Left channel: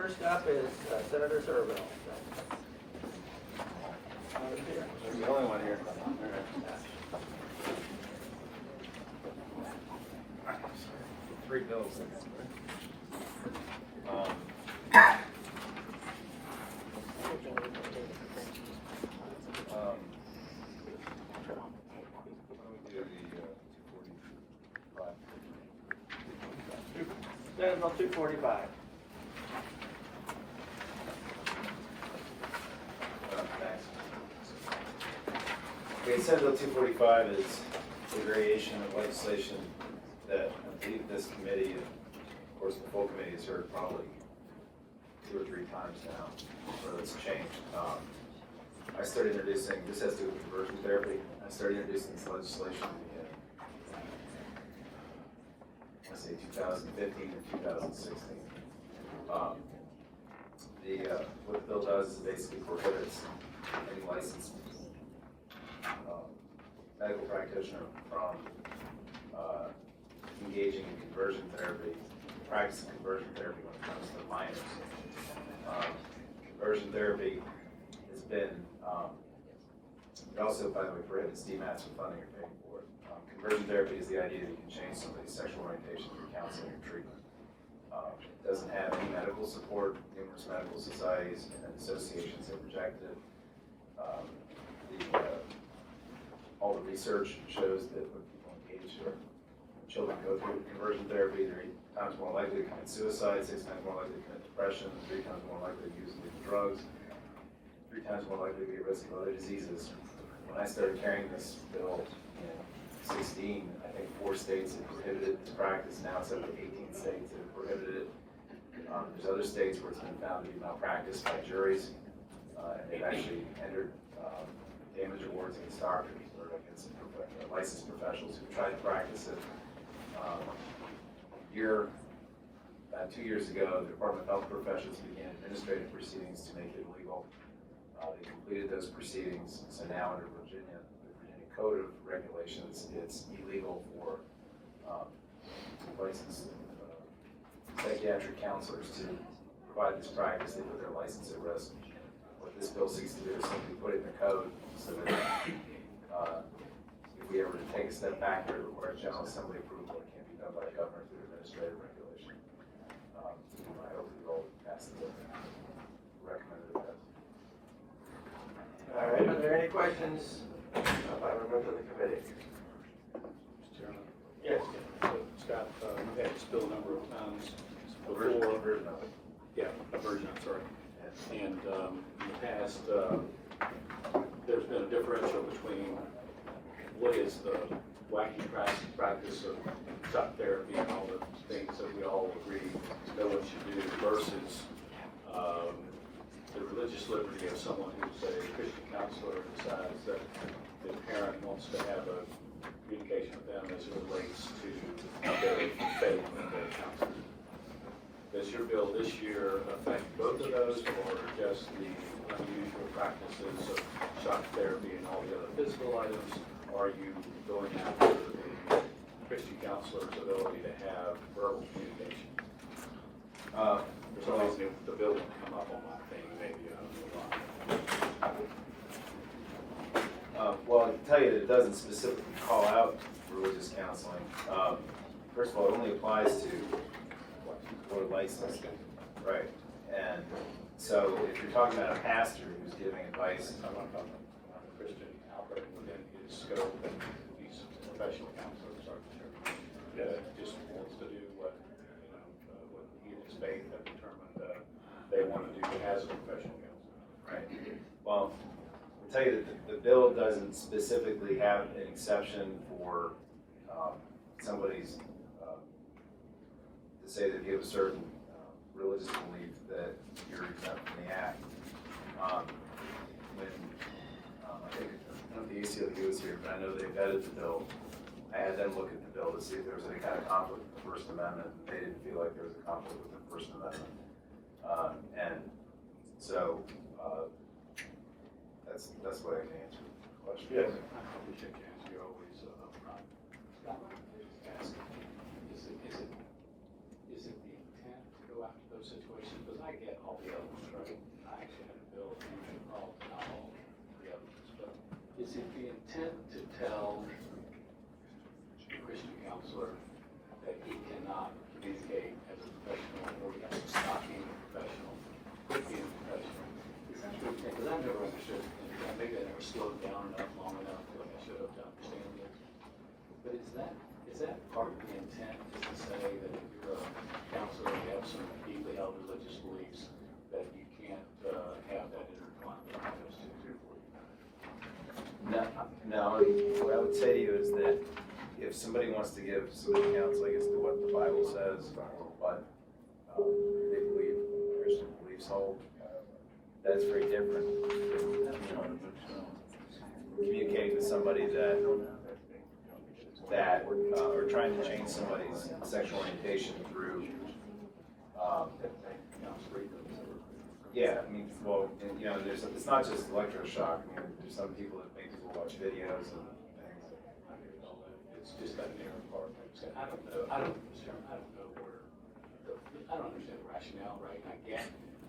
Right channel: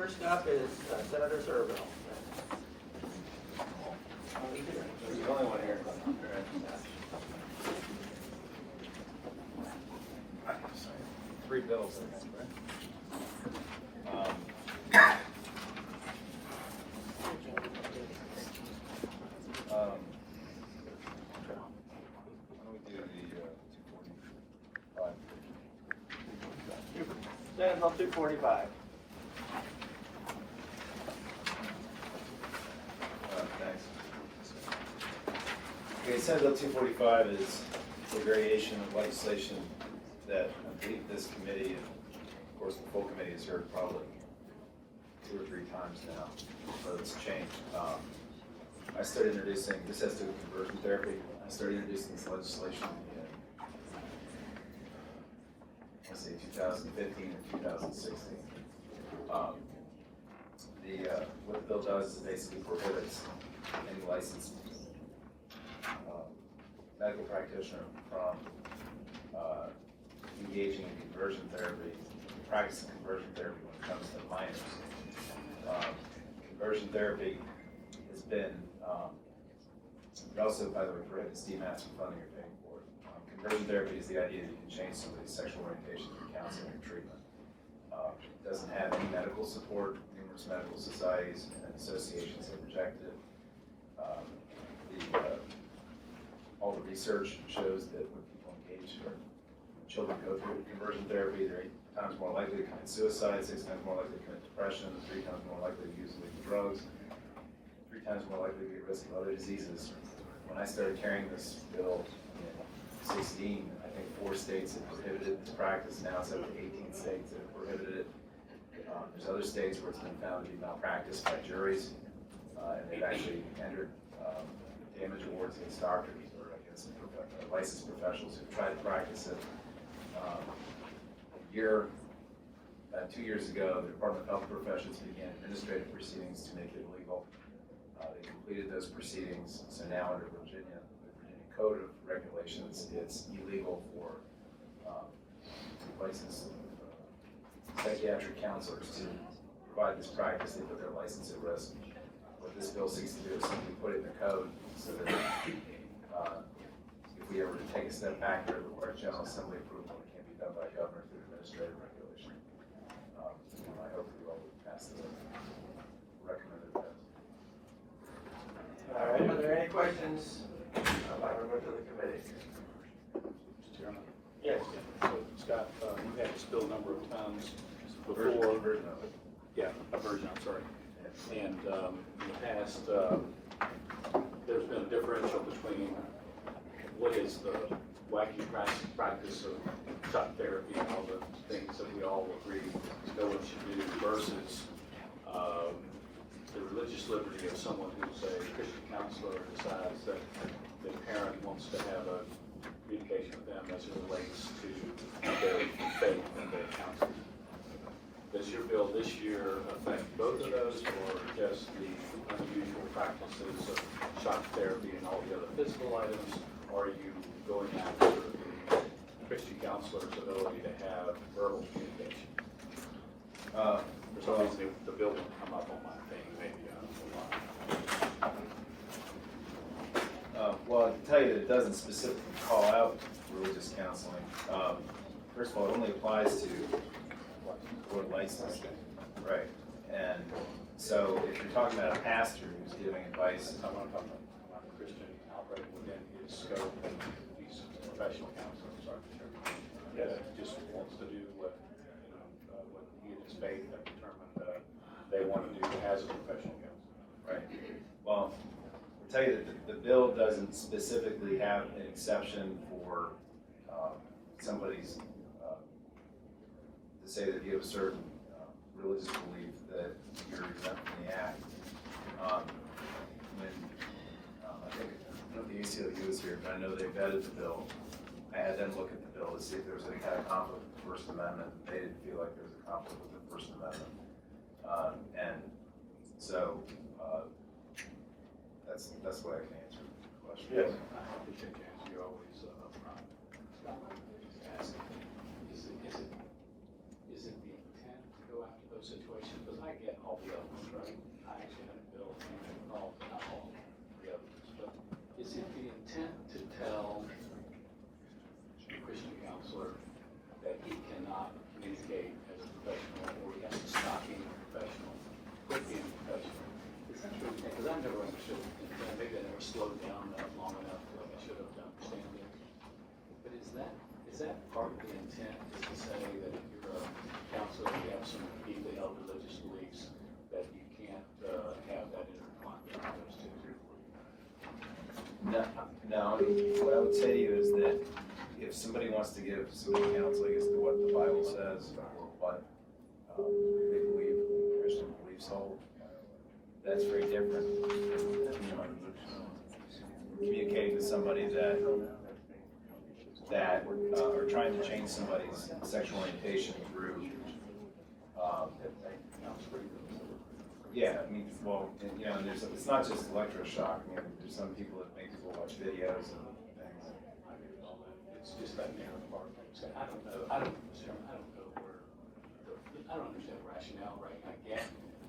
first up is Senator Surovell. He's the only one here. Three bills, I guess, right? Why don't we do the 245? Senate Bill 245. Thanks. Okay, Senate Bill 245 is a variation of legislation that I believe this committee, and of course the full committee, has heard probably 2 or 3 times now, so it's changed. I started introducing, this has to do with conversion therapy. I started introducing this legislation in, let's see, 2015 and 2016. What the bill does is basically prohibits any licensed medical practitioner from engaging in conversion therapy, practicing conversion therapy when it comes to minors. Conversion therapy has been, it also, by the way, prohibits DMATs from funding or paying for it. Conversion therapy is the idea that you can change somebody's sexual orientation through counseling or treatment. It doesn't have any medical support. Numerous medical societies and associations have rejected it. All the research shows that when people engage or children go through conversion therapy, they're 8 times more likely to commit suicide, 6 times more likely to commit depression, 3 times more likely to use illegal drugs, 3 times more likely to be at risk of other diseases. When I started carrying this bill in 2016, I think 4 states have prohibited its practice. Now it's up to 18 states that have prohibited it. There's other states where it's been found to be malpracticed by juries, and they've actually entered damage awards against doctors or against licensed professionals who've tried to practice it. About 2 years ago, the Department of Health Professions began administrative proceedings to make it illegal. They completed those proceedings, so now under the Virginia Code of Regulations, it's illegal for licensed psychiatric counselors to provide this practice. They put their license at risk. What this bill seeks to do is simply put it in the code so that if we ever take a step back here, it requires General Assembly approval. It can't be done by the governor through administrative regulation. I hope that you all pass this. Recommended it as. All right, are there any questions by members of the committee? Mr. Chairman. Yes. So, Scott, you've had this bill a number of times before. Yeah, a version, I'm sorry. And in the past, there's been a differential between what is the wacky practice of shock therapy and all the things that we all agree no one should do versus the religious liberty of someone who's a Christian counselor decides that the parent wants to have a communication with them as it relates to their faith and their counseling. Does your bill this year affect both of those, or just the unusual practices of shock therapy and all the other physical items? Or are you going after the Christian counselor's ability to have verbal communication? For some reason, the bill didn't come up on my thing. Maybe well, I can tell you that it doesn't specifically call out religious counseling. First of all, it only applies to or licensed, right? And so if you're talking about a pastor who's giving advice, I want to talk about a Christian outbreak within his scope, and these professional counselors are just wants to do what what he and his faith have determined they want to do as a professional counselor. right? Well, I'll tell you that the bill doesn't specifically have an exception for somebody's to say that you have a certain religious belief that you're exempt from the act. When I think the ACLU was here, but I know they vetted the bill. I had them look at the bill to see if there was any kind of conflict with the First Amendment. They didn't feel like there was a conflict with the First Amendment. And so that's what I can answer the question. Yes. I appreciate you answer. You always ask, is it the intent to go after those situations? Because I get intent to tell the Christian counselor that he cannot communicate as a professional, or he has to stop being a professional, quit being a professional? Is that the intent? Because I never understood, and maybe I never slowed down enough long enough to I should have to understand this. But is that part of the intent, is to say that if you're a counselor, you have some deeply held religious beliefs, that you can't have that intertwined with those two? No, what I would say to you is that if somebody wants to give some counseling as to what the Bible says, or what they believe, Christian beliefs hold, that's very different than, communicating to somebody that or trying to change somebody's sexual orientation through, yeah, I mean, well, it's not just electroshock. I mean, there's some people that make people watch videos and things. I get all that. It's just that narrow part. I don't know. I don't understand the rationale, right? I get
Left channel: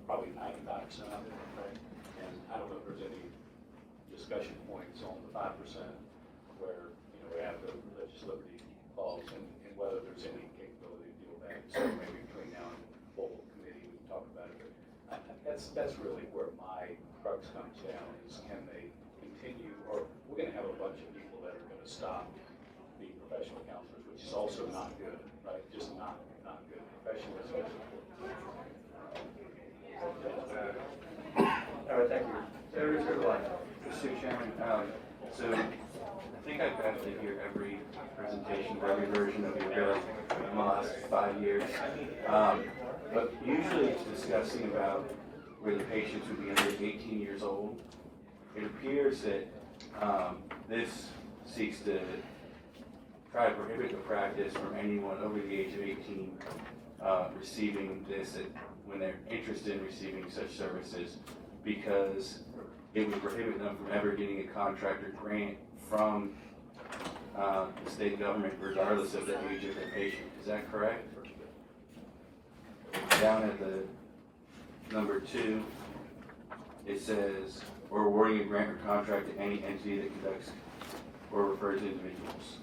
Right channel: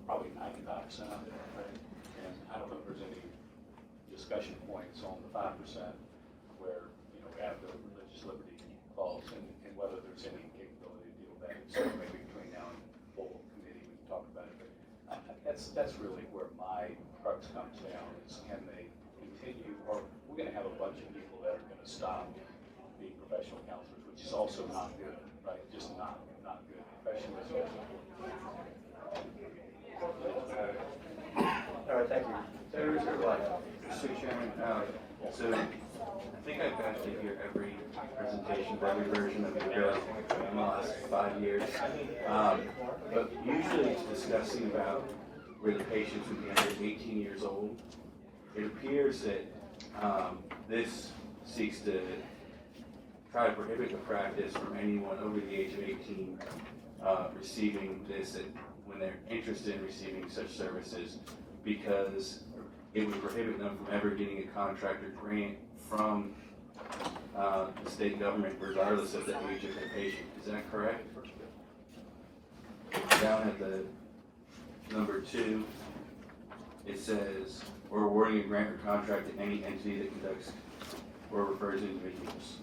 probably 95% of it, right? And I don't know if there's any discussion points on the 5% where, we have the religious liberty clause and whether there's any capability to deal with that. So maybe between now and the full committee, we can talk about it. But that's really where my crux comes down, is can they continue, or we're going to have a bunch of people that are going to stop being professional counselors, which is also not good, right? Just not good. Professionalism is important. All right, thank you. Senator Surovell. Mr. Chairman, so I think I've got to hear every presentation, every version of your bill in the last 5 years. But usually it's discussing about where the patients would be under 18 years old. It appears that this seeks to try to prohibit the practice from anyone over the age of 18 receiving this when they're interested in receiving such services, because it would prohibit them from ever getting a contract or grant from the state government, regardless of the age of their patient. Is that correct? Down at the number 2, it says, "Or awarding a grant or contract to any entity that conducts or refers individuals."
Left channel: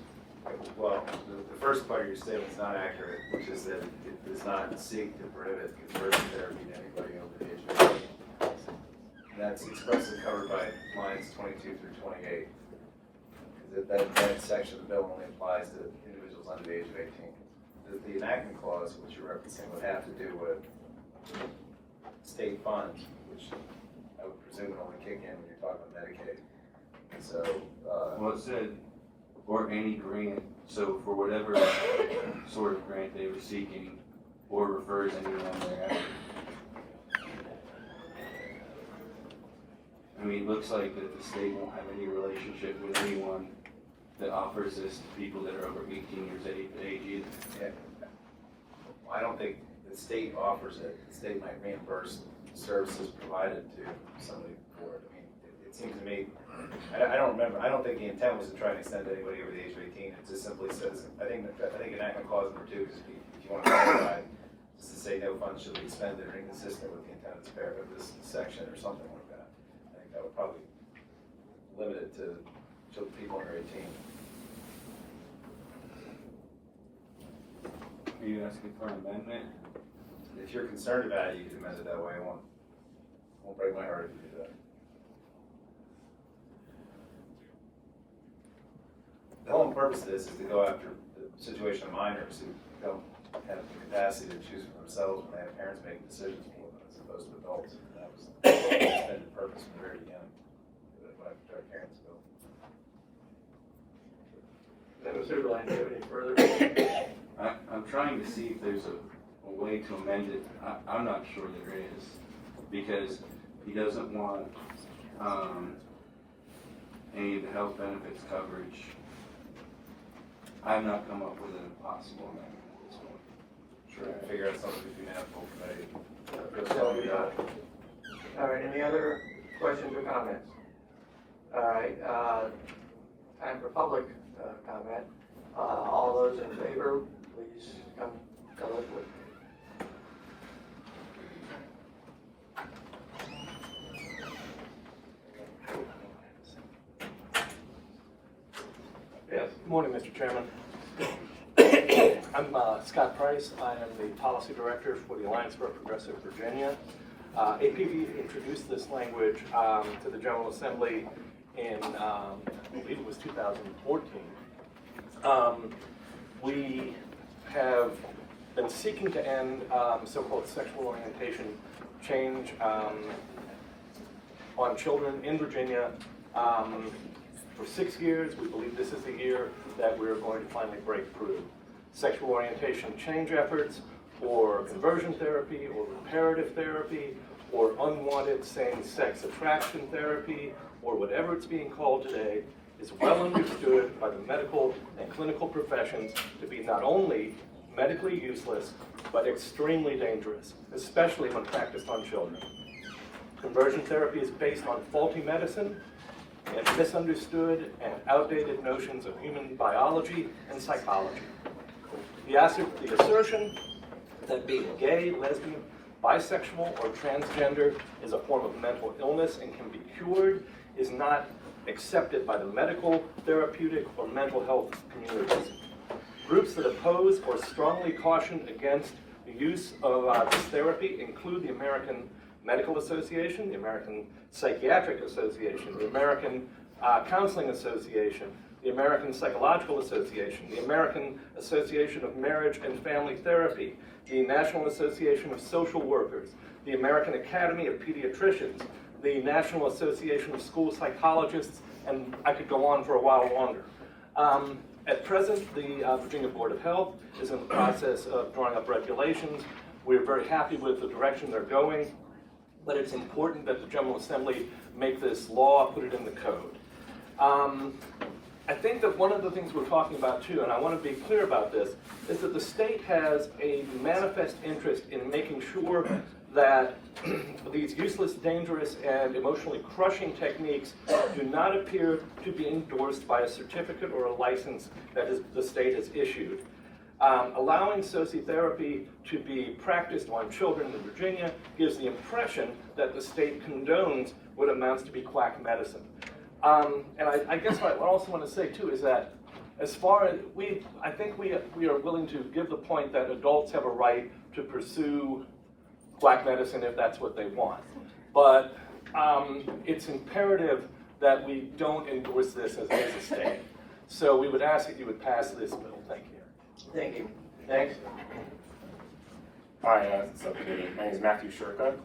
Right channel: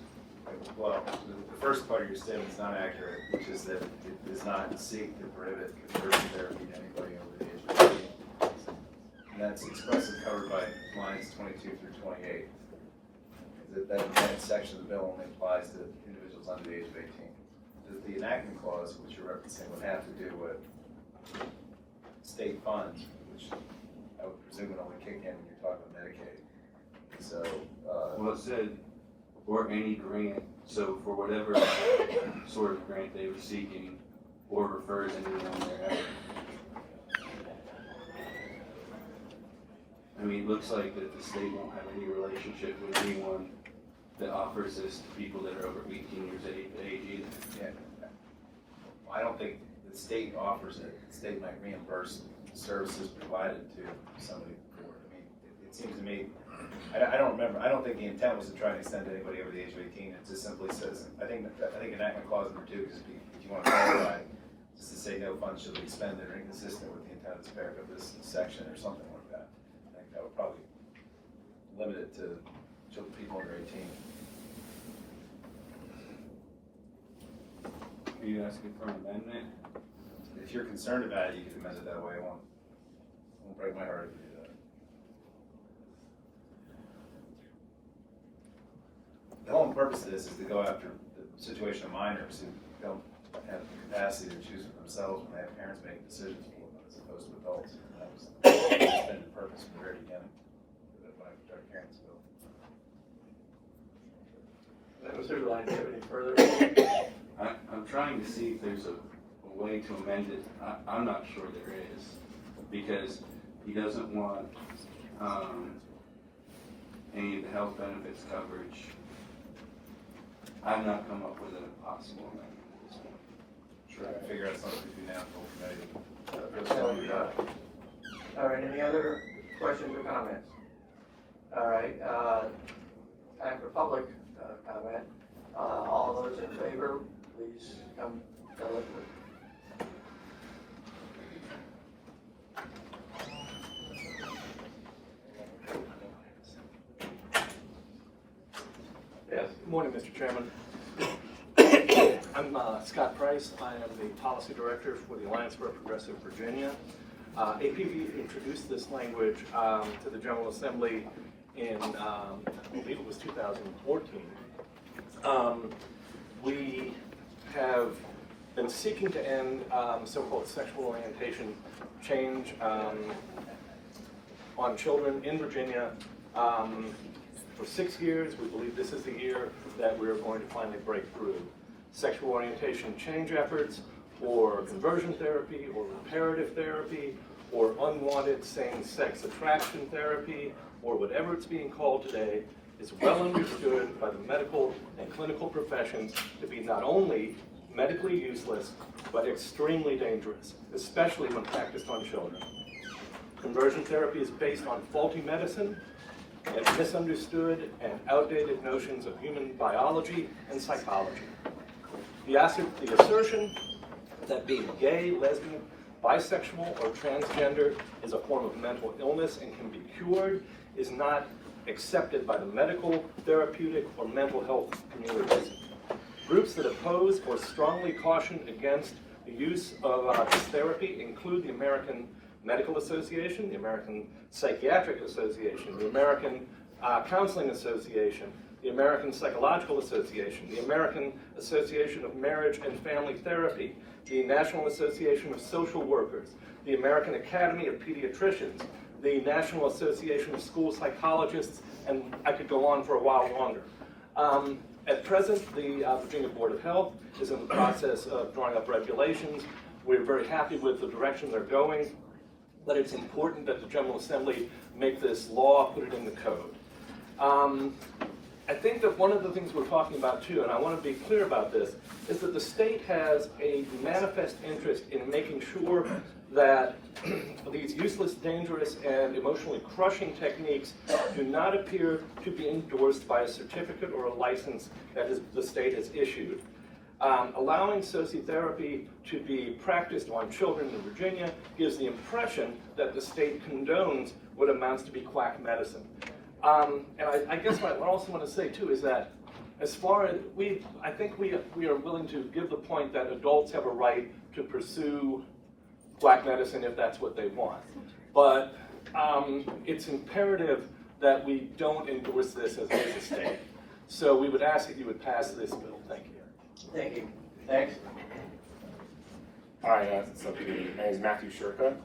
Well, the first part of your statement is not accurate, which is that it does not seek to prohibit conversion therapy to anybody over the age of 18. And that's expressly covered by lines 22 through 28. That section of the bill only applies to individuals under the age of 18. The enactment clause, which you're referencing, would have to do with state funds, which I would presume would only kick in when you're talking about Medicaid. And so, Well, it said, or any grant, so for whatever sort of grant they were seeking, or refers anyone thereafter. I mean, it looks like that the state won't have any relationship with anyone that offers this to people that are over 18 years of age either. yeah, I don't think the state offers it. The state might reimburse services provided to somebody for it. I mean, it seems to me, I don't remember, I don't think the intent was to try and extend to anybody over the age of 18. It just simply says, I think enactment clause number 2, just if you want to clarify, just to say no funds should be expended or inconsistent with the intent of this paragraph, this section or something like that. I think that would probably limit it to people under 18. Are you asking for an amendment? If you're concerned about it, you can amend it that way. It won't break my heart if you do that. The whole purpose of this is to go after the situation of minors who don't have the capacity to choose for themselves when they have parents making decisions for them, as opposed to adults. And that was the intended purpose from the very beginning, when I put our parents bill. Senator Surovell, do you have any further? I'm trying to see if there's a way to amend it. I'm not sure there is, because he doesn't want any of the health benefits coverage. I've not come up with a possible amendment at this point. Sure, I figure out something between now and full committee. All right, any other questions or comments? All right, time for public comment. All those in favor, please come forward. Yes. Good morning, Mr. Chairman. I'm Scott Price. I am the Policy Director for the Alliance for Progressive Virginia. APV introduced this language to the General Assembly in, I believe it was 2014. We have been seeking to end so-called sexual orientation change on children in Virginia for 6 years. We believe this is the year that we're going to finally break through. Sexual orientation change efforts, or conversion therapy, or reparative therapy, or unwanted same-sex attraction therapy, or whatever it's being called today, is well understood by the medical and clinical professions to be not only medically useless, but extremely dangerous, especially when practiced on children. Conversion therapy is based on faulty medicine and misunderstood and outdated notions of human biology and psychology. The assertion that being gay, lesbian, bisexual, or transgender is a form of mental illness and can be cured is not accepted by the medical, therapeutic, or mental health communities. Groups that oppose or strongly caution against the use of this therapy include the American Medical Association, the American Psychiatric Association, the American Counseling Association, the American Psychological Association, the American Association of Marriage and Family Therapy, the National Association of Social Workers, the American Academy of Pediatricians, the National Association of School Psychologists, and I could go on for a while longer. At present, the Virginia Board of Health is in the process of drawing up regulations. We're very happy with the direction they're going, but it's important that the General Assembly make this law, put it in the code. I think that one of the things we're talking about too, and I want to be clear about this, is that the state has a manifest interest in making sure that these useless, dangerous, and emotionally crushing techniques do not appear to be endorsed by a certificate or a license that the state has issued. Allowing sociotherapy to be practiced on children in Virginia gives the impression that the state condones what amounts to be quack medicine. And I guess what I also want to say too is that as far as I think we are willing to give the point that adults have a right to pursue quack medicine if that's what they want. But it's imperative that we don't endorse this as a state. So we would ask that you would pass this bill. Thank you. Thank you. Thanks. Hi, Subcommittee. My name is Matthew Shurka.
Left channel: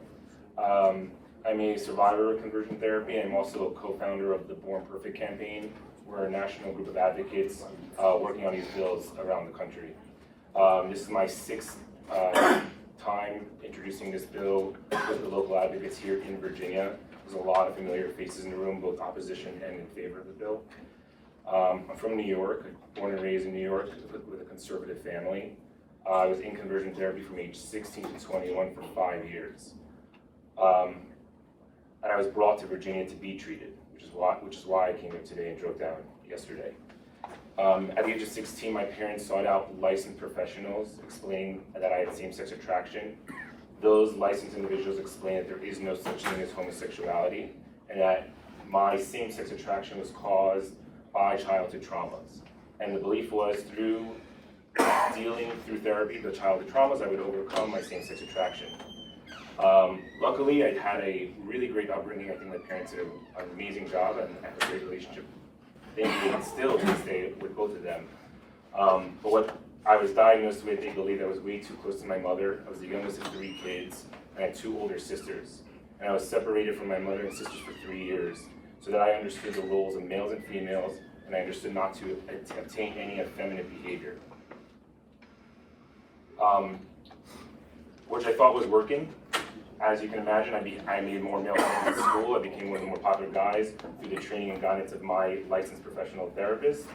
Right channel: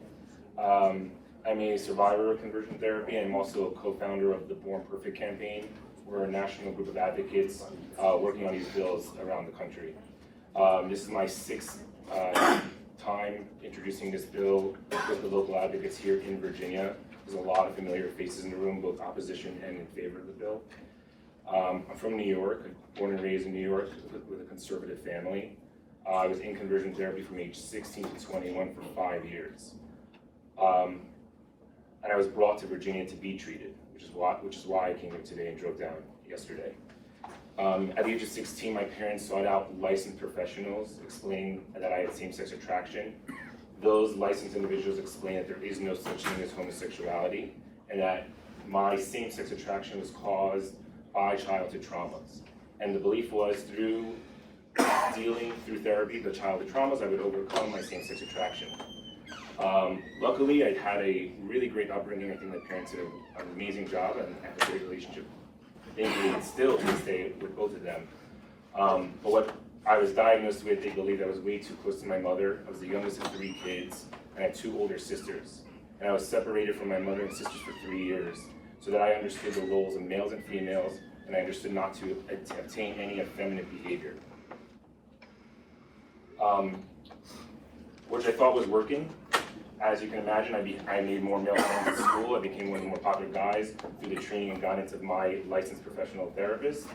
I'm a survivor of conversion therapy. I'm also a co-founder of the Born Perfect campaign. We're a national group of advocates working on these bills around the country. This is my sixth time introducing this bill with the local advocates here in Virginia. There's a lot of familiar faces in the room, both opposition and in favor of the bill. I'm from New York, born and raised in New York with a conservative family. I was in conversion therapy from age 16 to 21 for 5 years. And I was brought to Virginia to be treated, which is why I came here today and drove down yesterday. At the age of 16, my parents sought out licensed professionals explaining that I had same-sex attraction. Those licensed individuals explained that there is no such thing as homosexuality, and that my same-sex attraction was caused by childhood traumas. And the belief was through dealing through therapy, the childhood traumas, I would overcome my same-sex attraction. Luckily, I had a really great upbringing. I think my parents did an amazing job and have a great relationship. They still to this day with both of them. But what I was diagnosed with, they believed I was way too close to my mother. I was the youngest of 3 kids, and I had 2 older sisters. And I was separated from my mother and sisters for 3 years, so that I understood the roles of males and females, and I understood not to obtain any effeminate behavior. Which I thought was working. As you can imagine, I made more male friends at school. I became one of the more popular guys through the training and guidance of my licensed professional therapist.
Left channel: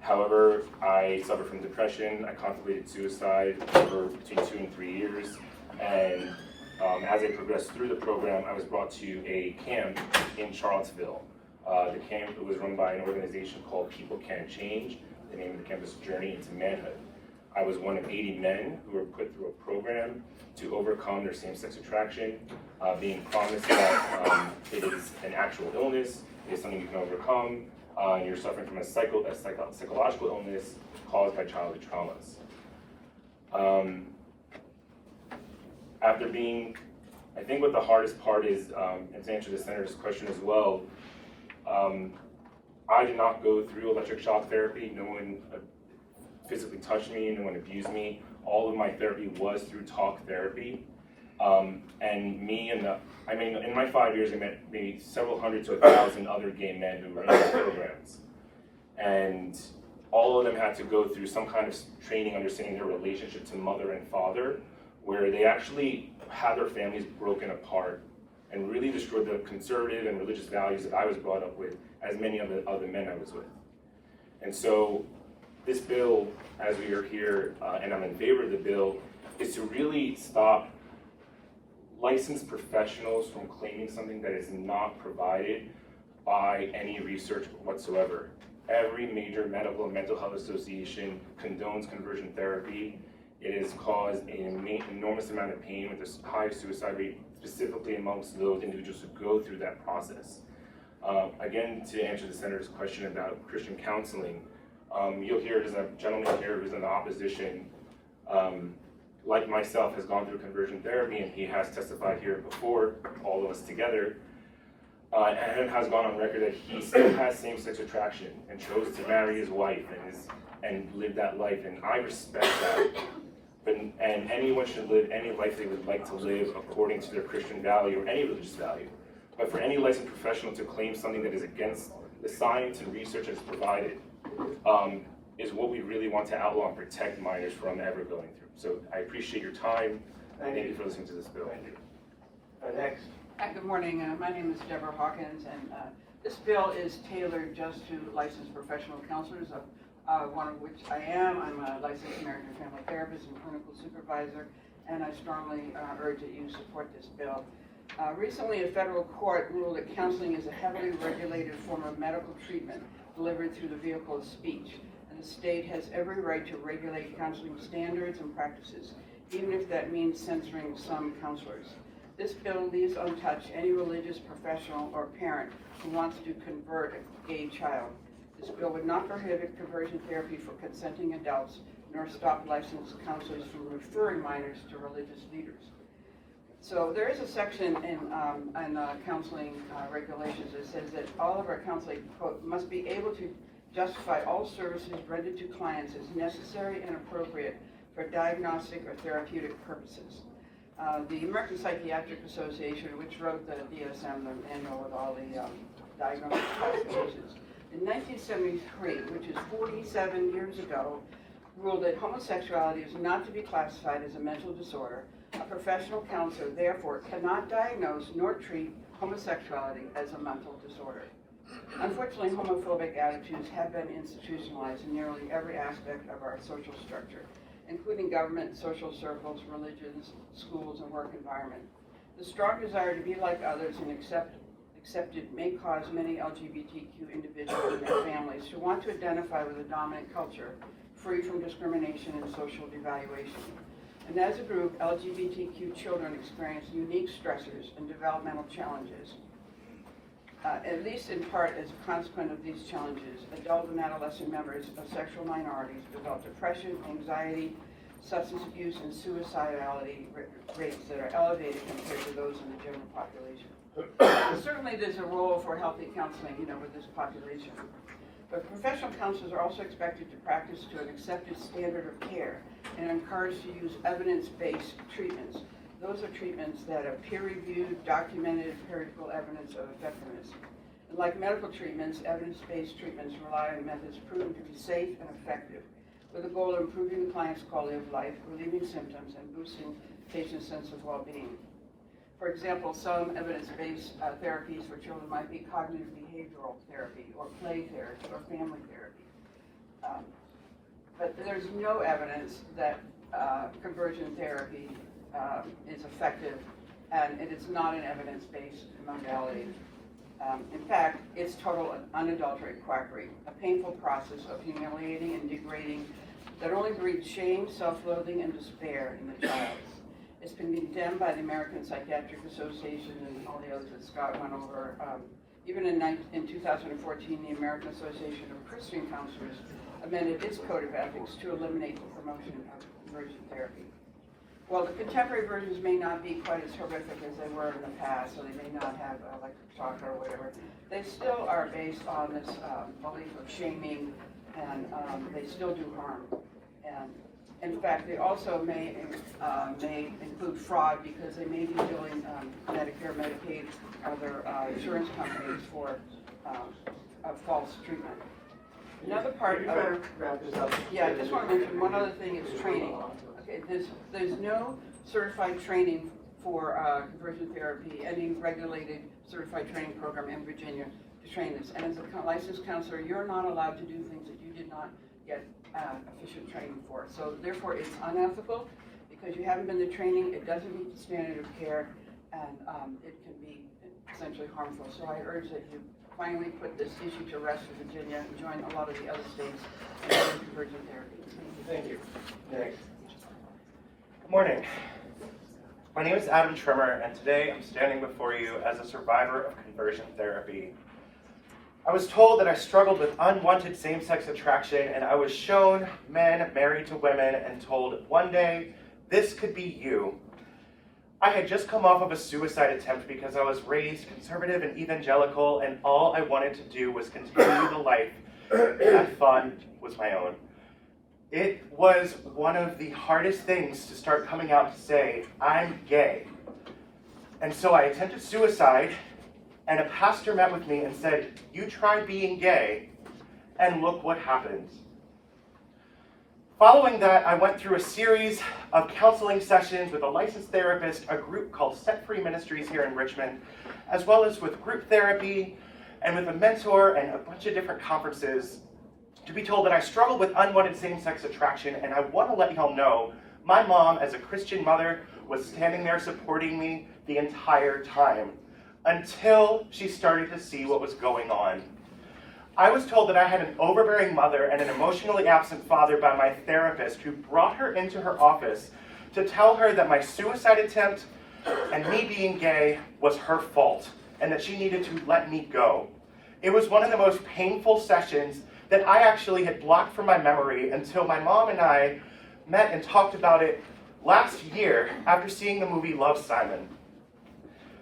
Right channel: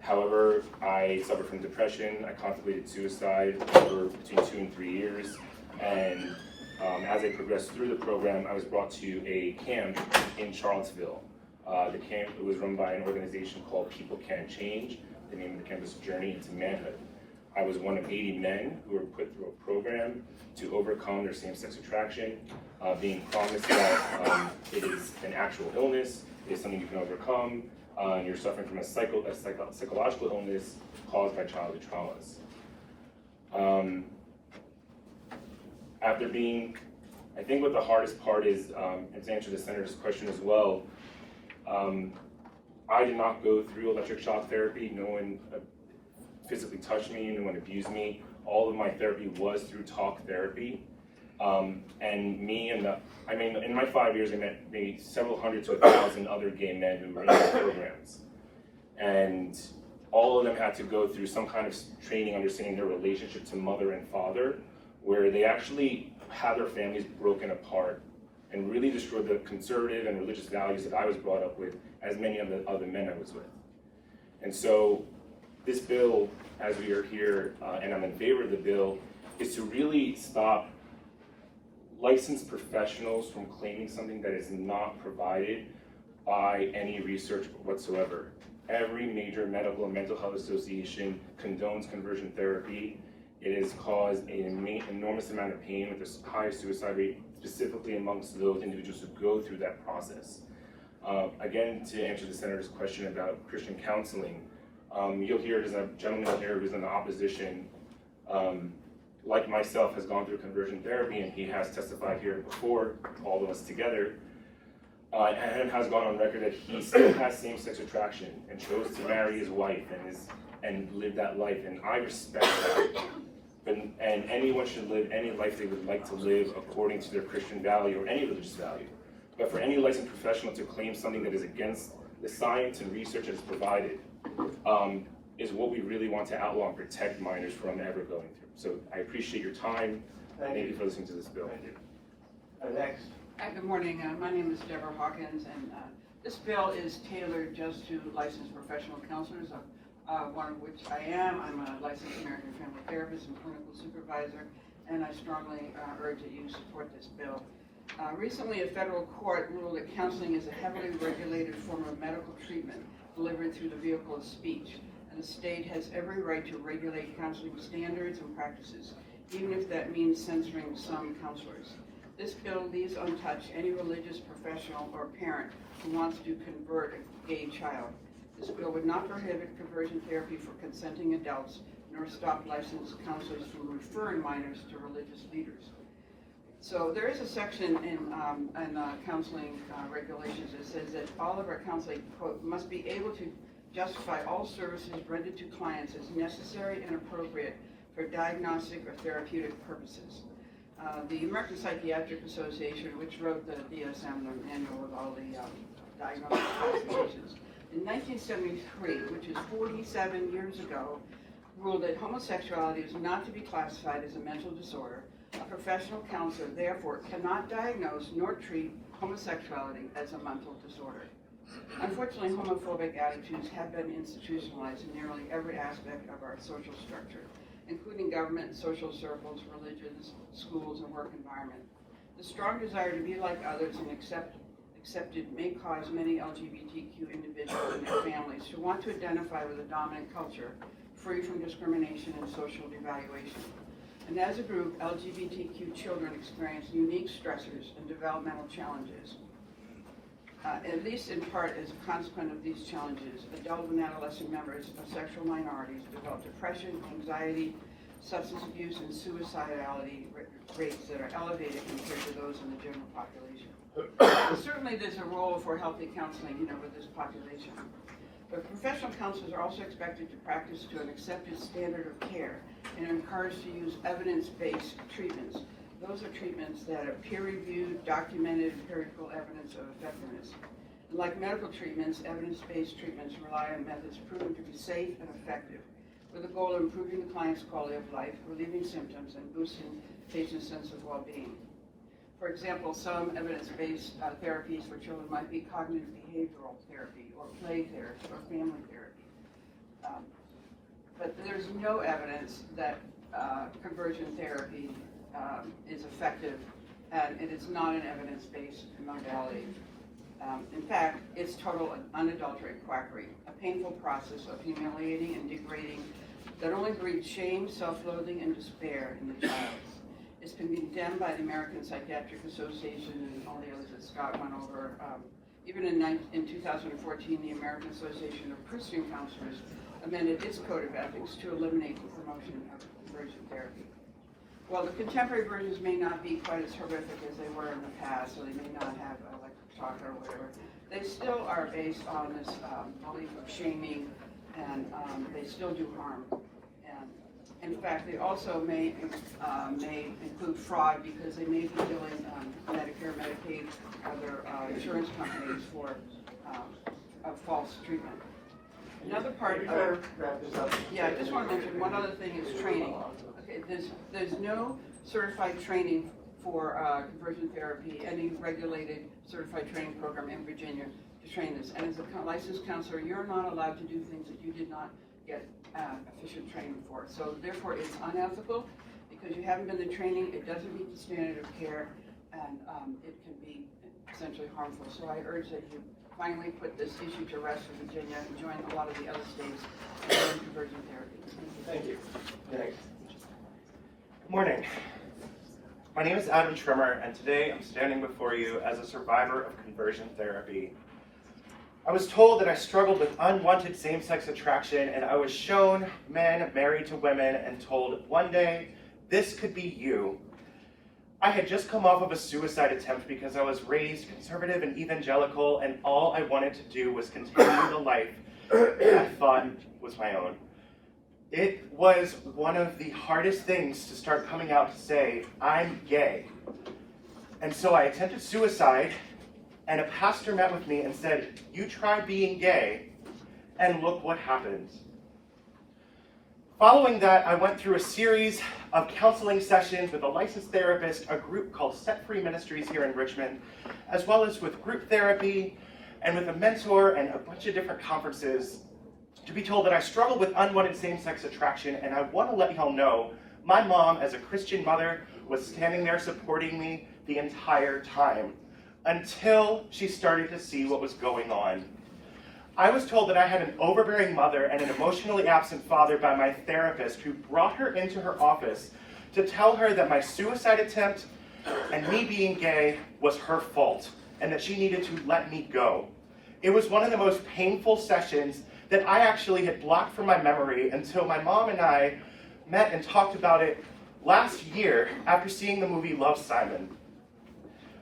However, I suffered from depression. I contemplated suicide for between 2 and 3 years. And as I progressed through the program, I was brought to a camp in Charlottesville. The camp was run by an organization called People Can Change. The name of the camp is Journey into Manhood. I was one of 80 men who were put through a program to overcome their same-sex attraction, being promised that it is an actual illness, it is something you can overcome, and you're suffering from a psychological illness caused by childhood traumas. After being, I think what the hardest part is, and to answer the senator's question as well, I did not go through electric shock therapy. No one physically touched me, no one abused me. All of my therapy was through talk therapy. And me and in my 5 years, I met maybe several hundred to 1,000 other gay men who were in these programs. And all of them had to go through some kind of training understanding their relationship to mother and father, where they actually had their families broken apart and really destroyed the conservative and religious values that I was brought up with, as many of the other men I was with. And so this bill, as we are here, and I'm in favor of the bill, is to really stop licensed professionals from claiming something that is not provided by any research whatsoever. Every major medical and mental health association condones conversion therapy. It has caused an enormous amount of pain with a high suicide rate, specifically amongst those individuals who go through that process. Again, to answer the senator's question about Christian counseling, you'll hear there's a gentleman here who's in the opposition, like myself, has gone through conversion therapy, and he has testified here before, all of us together, and has gone on record that he still has same-sex attraction and chose to marry his wife and live that life, and I respect that. And anyone should live any life they would like to live according to their Christian value or any religious value. But for any licensed professional to claim something that is against the science and research that is provided is what we really want to outlaw and protect minors from ever going through. So I appreciate your time. Thank you for listening to this bill. Thank you. Next. Hi, good morning. My name is Deborah Hawkins, and this bill is tailored just to licensed professional counselors, one of which I am. I'm a licensed American family therapist and clinical supervisor, and I strongly urge that you support this bill. Recently, a federal court ruled that counseling is a heavily regulated form of medical treatment delivered through the vehicle of speech, and the state has every right to regulate counseling standards and practices, even if that means censoring some counselors. This bill leaves untouched any religious professional or parent who wants to convert a gay child. This bill would not prohibit conversion therapy for consenting adults, nor stop licensed counselors from referring minors to religious leaders. So there is a section in counseling regulations that says that all of our counseling, quote, must be able to justify all services rendered to clients as necessary and appropriate for diagnostic or therapeutic purposes. The American Psychiatric Association, which wrote the DSM, the manual with all the diagnostic classifications, in 1973, which is 47 years ago, ruled that homosexuality is not to be classified as a mental disorder. A professional counselor, therefore, cannot diagnose nor treat homosexuality as a mental disorder. Unfortunately, homophobic attitudes have been institutionalized in nearly every aspect of our social structure, including government, social circles, religions, schools, and work environment. The strong desire to be like others and accepted may cause many LGBTQ individuals and their families to want to identify with a dominant culture, free from discrimination and social devaluation. And as a group, LGBTQ children experience unique stressors and developmental challenges. At least in part as a consequence of these challenges, adult and adolescent members of sexual minorities develop depression, anxiety, substance abuse, and suicidality rates that are elevated compared to those in the general population. Certainly there's a role for healthy counseling, with this population. But professional counselors are also expected to practice to an accepted standard of care and encouraged to use evidence-based treatments. Those are treatments that are peer-reviewed, documented, empirical evidence of effectiveness. And like medical treatments, evidence-based treatments rely on methods proven to be safe and effective, with the goal of improving the client's quality of life, relieving symptoms, and boosting patients' sense of well-being. For example, some evidence-based therapies for children might be cognitive behavioral therapy, or play therapy, or family therapy. But there's no evidence that conversion therapy is effective, and it is not an evidence-based modality. In fact, it's total unadulterated quackery, a painful process of humiliating and degrading that only breeds shame, self-loathing, and despair in the child. It's been condemned by the American Psychiatric Association and all the others that Scott went over Even in 2014, the American Association of Christian Counselors amended its code of ethics to eliminate the promotion of conversion therapy. While the contemporary versions may not be quite as horrific as they were in the past, so they may not have electric shock or whatever, they still are based on this belief of shaming, and they still do harm. And in fact, they also may include fraud, because they may be billing Medicare, Medicaid, other insurance companies for a false treatment. Another part You of better wrap this up. yeah, I just want to mention one other thing is training. Okay, there's no certified training for conversion therapy, any regulated certified training program in Virginia to train this. And as a licensed counselor, you're not allowed to do things that you did not get efficient training for. So therefore, it's unethical because you haven't been to training. It doesn't meet the standard of care, and it can be essentially harmful. So I urge that you finally put this issue to rest in Virginia and join a lot of the other states in conversion therapy. Thank you. Next. Good morning. My name is Adam Trimmer, and today I'm standing before you as a survivor of conversion therapy. I was told that I struggled with unwanted same-sex attraction, and I was shown men married to women and told one day, this could be you. I had just come off of a suicide attempt because I was raised conservative and evangelical, and all I wanted to do was continue the life that I thought was my own. It was one of the hardest things to start coming out to say, I'm gay. And so I attempted suicide, and a pastor met with me and said, you try being gay, and look what happens. Following that, I went through a series of counseling sessions with a licensed therapist, a group called Set Free Ministries here in Richmond, as well as with group therapy, and with a mentor and a bunch of different conferences, to be told that I struggle with unwanted same-sex attraction. And I want to let y'all know, my mom, as a Christian mother, was standing there supporting me the entire time, until she started to see what was going on. I was told that I had an overbearing mother and an emotionally absent father by my therapist, who brought her into her office to tell her that my suicide attempt and me being gay was her fault, and that she needed to let me go. It was one of the most painful sessions that I actually had blocked from my memory until my mom and I met and talked about it last year after seeing the movie Love, Simon.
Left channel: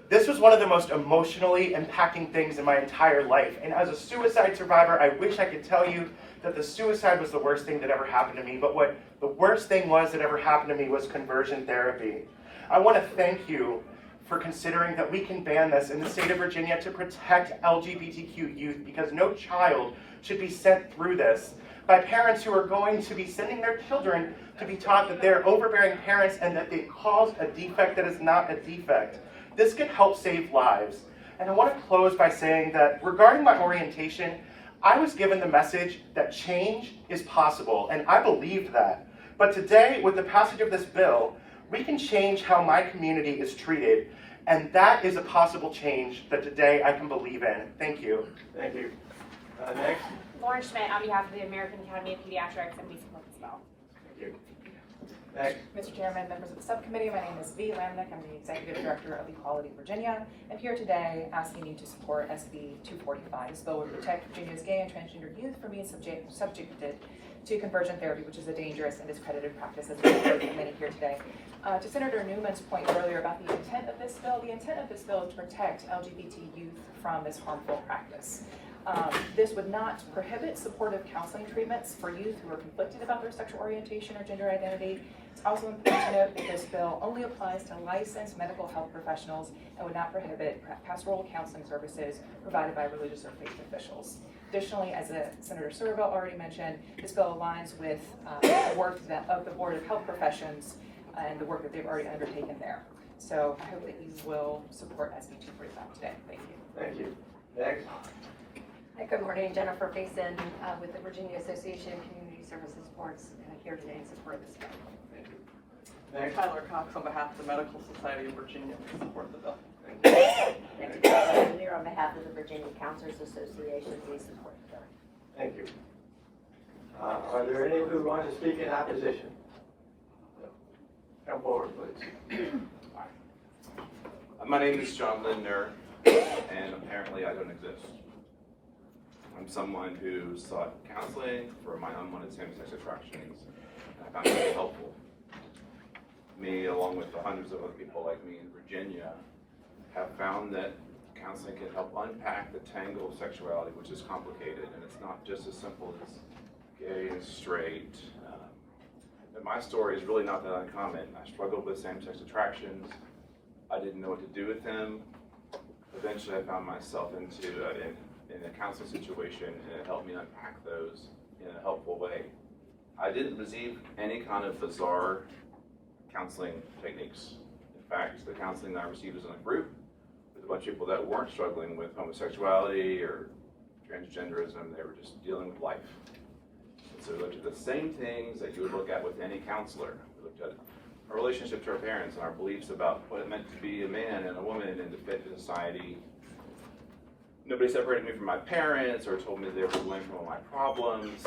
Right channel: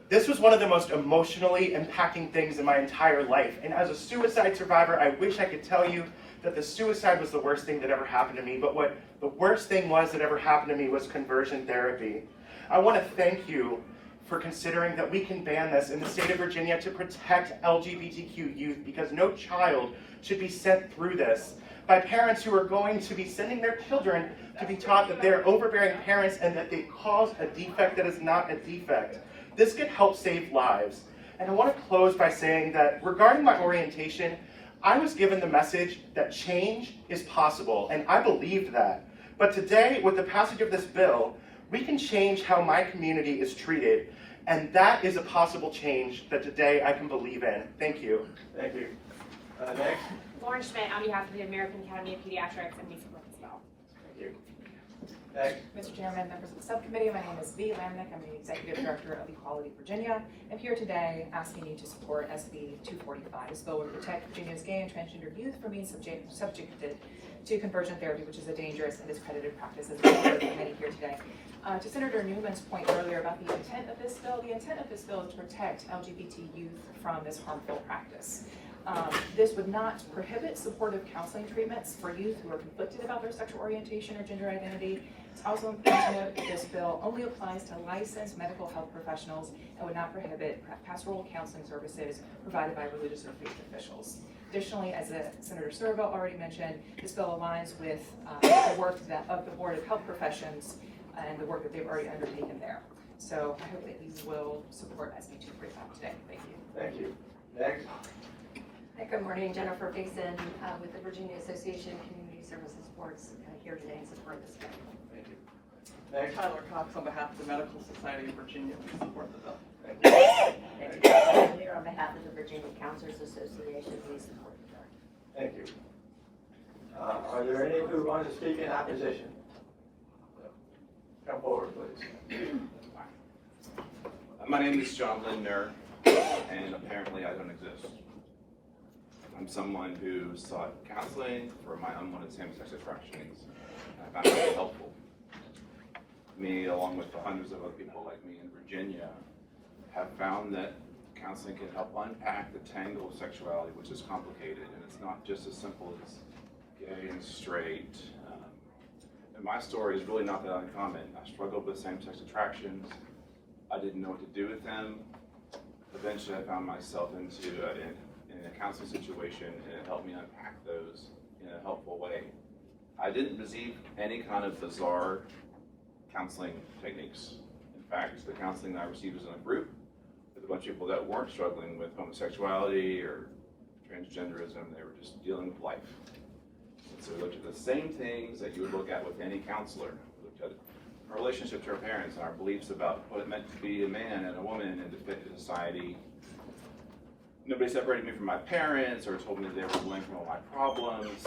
This was one of the most emotionally impacting things in my entire life. And as a suicide survivor, I wish I could tell you that the suicide was the worst thing that ever happened to me. But what the worst thing was that ever happened to me was conversion therapy. I want to thank you for considering that we can ban this in the state of Virginia to protect LGBTQ youth, because no child should be sent through this by parents who are going to be sending their children to be taught that they're overbearing parents and that they caused a defect that is not a defect. This could help save lives. And I want to close by saying that regarding my orientation, I was given the message that change is possible, and I believed that. But today, with the passage of this bill, we can change how my community is treated, and that is a possible change that today I can believe in. Thank you. Thank you. Next. Lauren Schmidt on behalf of the American Academy of Pediatrics, and we support this bill. Thank you. Next. Mr. Chairman, members of the subcommittee, my name is V. Lamnick. I'm the Executive Director of Equality Virginia. I'm here today asking you to support SB 245. This bill would protect Virginia's gay and transgender youth from being subjected to conversion therapy, which is a dangerous and discredited practice, as we've heard from many here today. To Senator Newman's point earlier about the intent of this bill, the intent of this bill is to protect LGBT youth from this harmful practice. This would not prohibit supportive counseling treatments for youth who are conflicted about their sexual orientation or gender identity. It's also important to note that this bill only applies to licensed medical health professionals and would not prohibit pastoral counseling services provided by religious or faith officials. Additionally, as Senator Surovell already mentioned, this bill aligns with the work of the Board of Health Professions and the work that they've already undertaken there. So I hope that you will support SB 245 today. Thank you. Thank you. Next. Hi, good morning. Jennifer Faison with the Virginia Association of Community Services Boards, here today in support of this bill. Thank you. Next. Tyler Cox on behalf of the Medical Society of Virginia to support the bill. Thank you. And I'm here on behalf of the Virginia Counselors Association, we support the bill. Thank you. Are there any who want to speak in opposition? Come forward, please. My name is John Lindner. and apparently I don't exist. I'm someone who sought counseling for my unwanted same-sex attractions, and I found it very helpful. Me, along with the hundreds of other people like me in Virginia, have found that counseling can help unpack the tangle of sexuality, which is complicated, and it's not just as simple as gay and straight. And my story is really not that uncommon. I struggled with same-sex attractions. I didn't know what to do with them. Eventually, I found myself in a counseling situation, and it helped me unpack those in a helpful way. I didn't receive any kind of bizarre counseling techniques. In fact, the counseling that I received was in a group with a bunch of people that weren't struggling with homosexuality or transgenderism. They were just dealing with life. And so we looked at the same things that you would look at with any counselor. We looked at our relationship to our parents and our beliefs about what it meant to be a man and a woman and to fit the society. Nobody separated me from my parents or told me they were blamed for all my problems.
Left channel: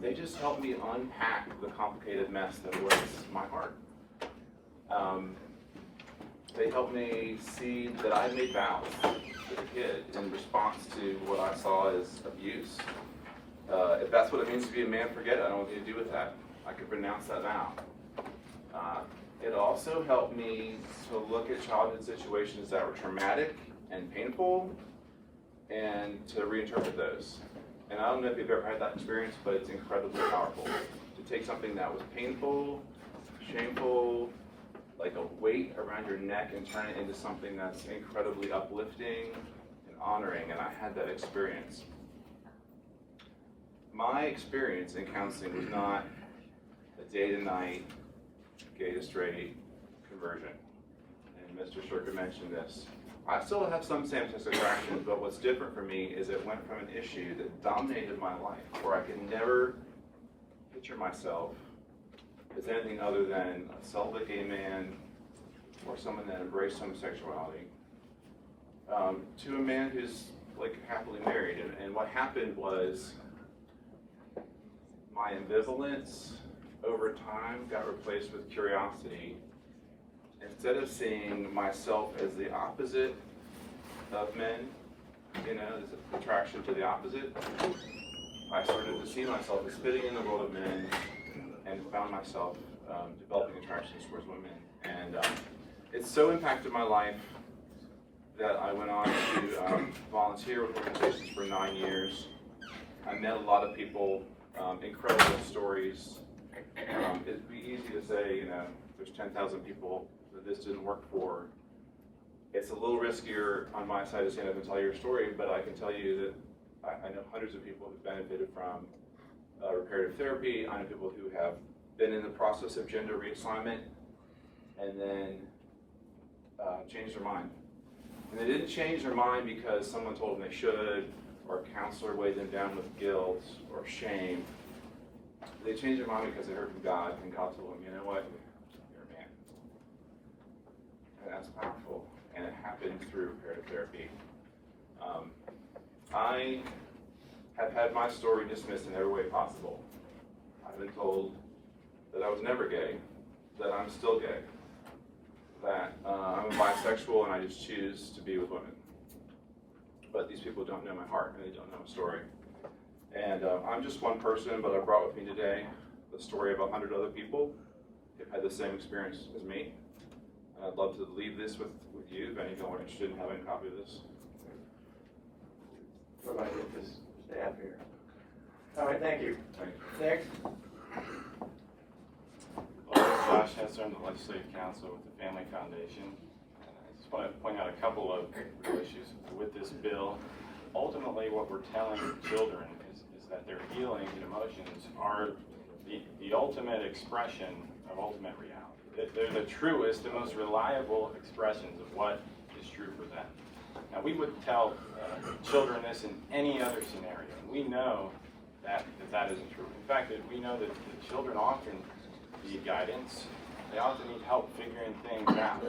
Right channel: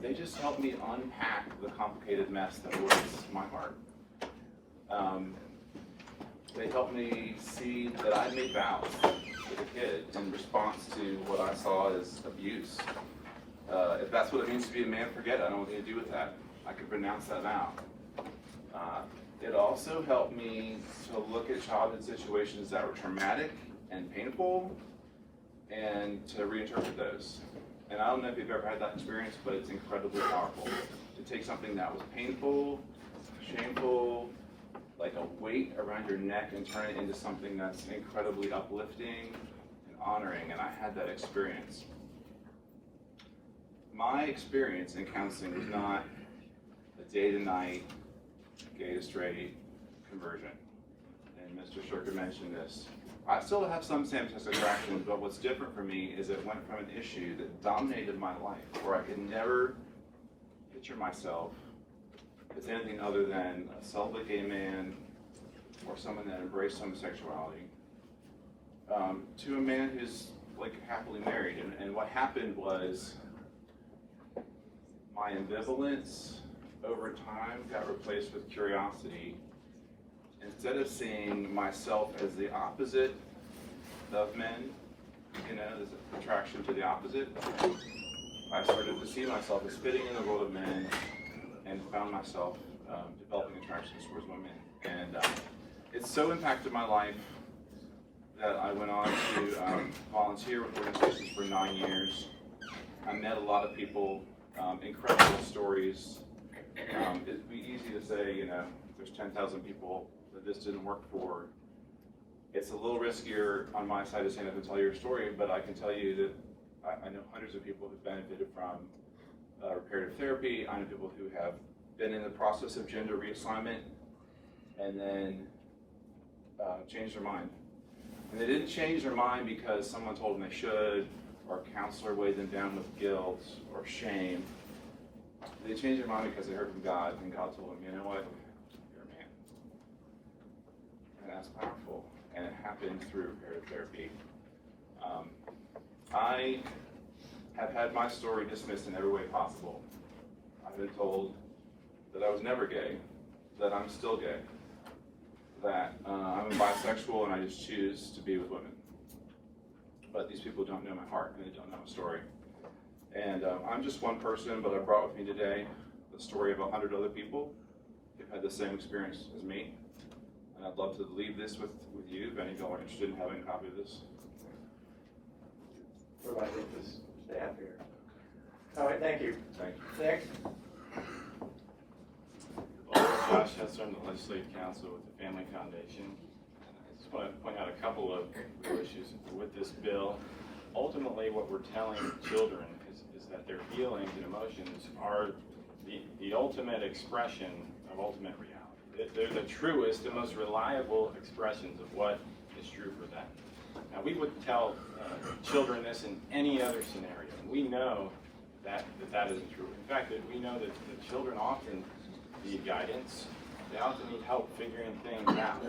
They just helped me unpack the complicated mess that was my heart. They helped me see that I made vows as a kid in response to what I saw as abuse. If that's what it means to be a man, forget it. I don't know what to do with that. I could renounce that now. It also helped me to look at childhood situations that were traumatic and painful and to reinterpret those. And I don't know if you've ever had that experience, but it's incredibly powerful. To take something that was painful, shameful, like a weight around your neck, and turn it into something that's incredibly uplifting and honoring, and I had that experience. My experience in counseling was not a day to night, gay to straight conversion. And Mr. Shurka mentioned this. I still have some same-sex attraction, but what's different for me is it went from an issue that dominated my life, where I could never picture myself as anything other than a celibate gay man or someone that embraced homosexuality, to a man who's like happily married. And what happened was my ambivalence over time got replaced with curiosity. Instead of seeing myself as the opposite of men, you know, as an attraction to the opposite, I started to see myself as fitting in the world of men and found myself developing attractions towards women. And it so impacted my life that I went on to volunteer with organizations for 9 years. I met a lot of people, incredible stories. It'd be easy to say, you know, there's 10,000 people that this didn't work for. It's a little riskier on my side to stand up and tell your story, but I can tell you that I know hundreds of people who've benefited from reparative therapy. I know people who have been in the process of gender reassignment and then changed their mind. And they didn't change their mind because someone told them they should, or a counselor weighed them down with guilt or shame. They changed their mind because they heard from God, and God told them, you know what, you're a man. And that's powerful, and it happened through reparative therapy. I have had my story dismissed in every way possible. I've been told that I was never gay, that I'm still gay, that I'm bisexual and I just choose to be with women. But these people don't know my heart and they don't know my story. And I'm just one person, but I brought with me today the story of 100 other people who've had the same experience as me. And I'd love to leave this with you if any of y'all are interested in having a copy of this. What about this staff here? All right, thank you. Thank you. Next. Josh Hester, I'm the Legislative Counsel with the Family Foundation. And I just want to point out a couple of real issues with this bill. Ultimately, what we're telling children is that their feelings and emotions are the ultimate expression of ultimate reality. They're the truest and most reliable expressions of what is true for them. Now, we would tell children this in any other scenario. We know that isn't true. In fact, we know that the children often need guidance. They often need help figuring things out.